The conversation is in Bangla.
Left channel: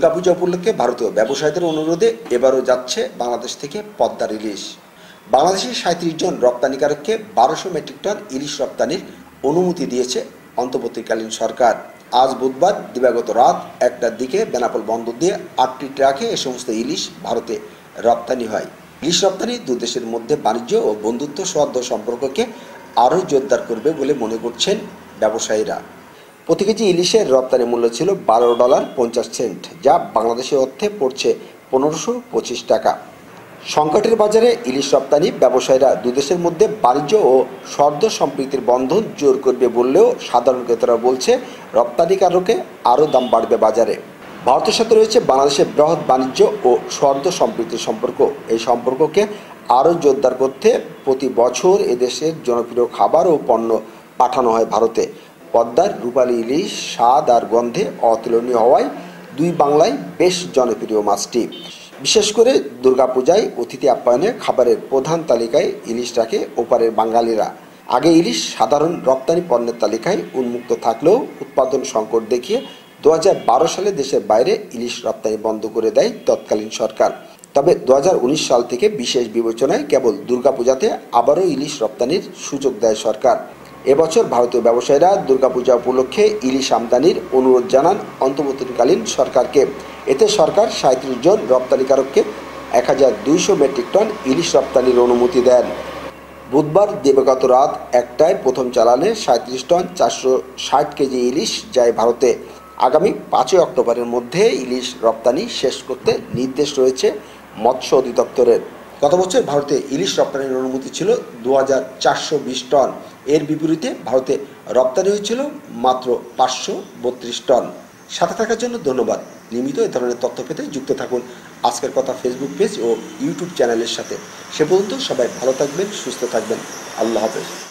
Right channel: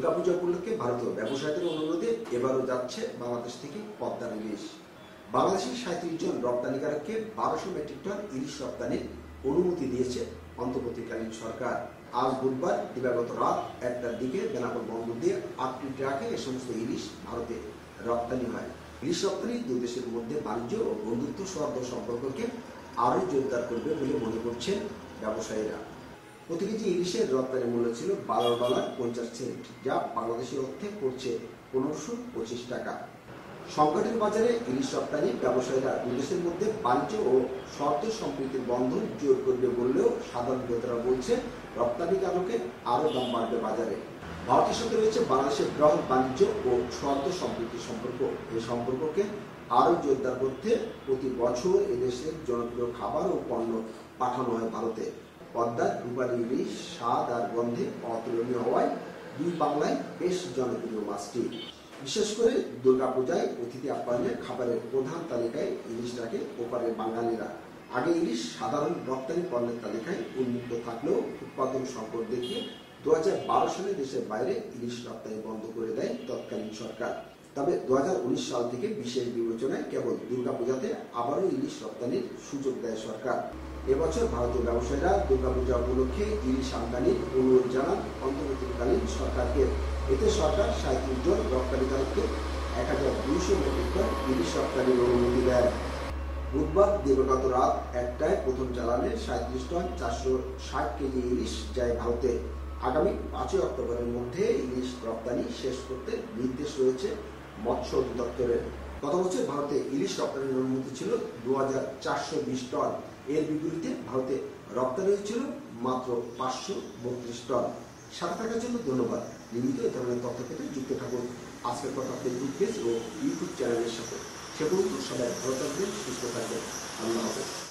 দুর্গাপূজা উপলক্ষে ভারতীয় ব্যবসায়ীদের অনুরোধে এবারও যাচ্ছে বাংলাদেশ থেকে পদ্মার ইলিশ। বাংলাদেশের ৩৭ জন রপ্তানিকারককে ১২০০ মেট্রিক টন ইলিশ রপ্তানির অনুমতি দিয়েছে অন্তর্বর্তীকালীন সরকার। আজ বুধবার দিবাগত রাত ১টার দিকে বেনাপোল বন্দর দিয়ে ৮টি ট্রাকে এ সমস্ত ইলিশ ভারতে রপ্তানি হয়। ইলিশ রপ্তানি দুই দেশের মধ্যে বাণিজ্য ও বন্ধুত্ব সৌহার্দ্য সম্পর্ককে আরও জোরদার করবে বলে মনে করছেন ব্যবসায়ীরা। প্রতি কেজি ইলিশের রপ্তানি মূল্য ছিল $12.50, যা বাংলাদেশি অর্থে পড়ছে ১৫২৫ টাকা। সংকটের বাজারে ইলিশ রপ্তানি ব্যবসায়ীরা দুদেশের মধ্যে বাণিজ্য ও সৌহার্দ্য সম্প্রীতির বন্ধন জোর করবে বললেও সাধারণ ক্রেতারা বলছে রপ্তানিকারকে আরও দাম বাড়বে বাজারে। ভারতের সাথে রয়েছে বাংলাদেশের বৃহৎ বাণিজ্য ও সৌহার্দ্য সম্প্রীতির সম্পর্ক। এই সম্পর্ককে আরও জোরদার করতে প্রতি বছর এদেশের জনপ্রিয় খাবার ও পণ্য পাঠানো হয় ভারতে। পদ্মার রূপালী ইলিশ স্বাদ আর গন্ধে অতুলনীয় হওয়ায় দুই বাংলায় বেশ জনপ্রিয় মাছটি। বিশেষ করে দুর্গাপূজায় অতিথি আপ্যায়নে খাবারের প্রধান তালিকায় ইলিশ রাখে ওপারের বাঙালিরা। আগে ইলিশ সাধারণ রপ্তানি পণ্যের তালিকায় উন্মুক্ত থাকলেও উৎপাদন সংকট দেখিয়ে ২০১২ সালে দেশের বাইরে ইলিশ রপ্তানি বন্ধ করে দেয় তৎকালীন সরকার। তবে ২০১৯ সাল থেকে বিশেষ বিবেচনায় কেবল দুর্গাপূজাতে আবারও ইলিশ রপ্তানির সুযোগ দেয় সরকার। এবছর ভারতীয় ব্যবসায়ীরা দুর্গাপূজা উপলক্ষে ইলিশ আমদানির অনুরোধ জানান অন্তর্বর্তীকালীন সরকারকে। এতে সরকার ৩৭ জন রপ্তানিকারককে ১২০০ মেট্রিক টন ইলিশ রপ্তানির অনুমতি দেন। বুধবার দিবাগত রাত ১টায় প্রথম চালানে ৩৭ টন ৪৬০ কেজি ইলিশ যায় ভারতে। আগামী ৫ই অক্টোবরের মধ্যে ইলিশ রপ্তানি শেষ করতে নির্দেশ রয়েছে মৎস্য অধিদপ্তরের। গত বছর ভারতে ইলিশ রপ্তানির অনুমতি ছিল ২৪২০ টন। এর বিপরীতে ভারতে রপ্তানি হয়েছিল মাত্র ৫৩২ টন। সাথে থাকার জন্য ধন্যবাদ। নিয়মিত এ ধরনের তথ্য পেতে যুক্ত থাকুন আজকের কথা ফেসবুক পেজ ও ইউটিউব চ্যানেলের সাথে। সে পর্যন্ত সবাই ভালো থাকবেন, সুস্থ থাকবেন। আল্লাহ হাফেজ।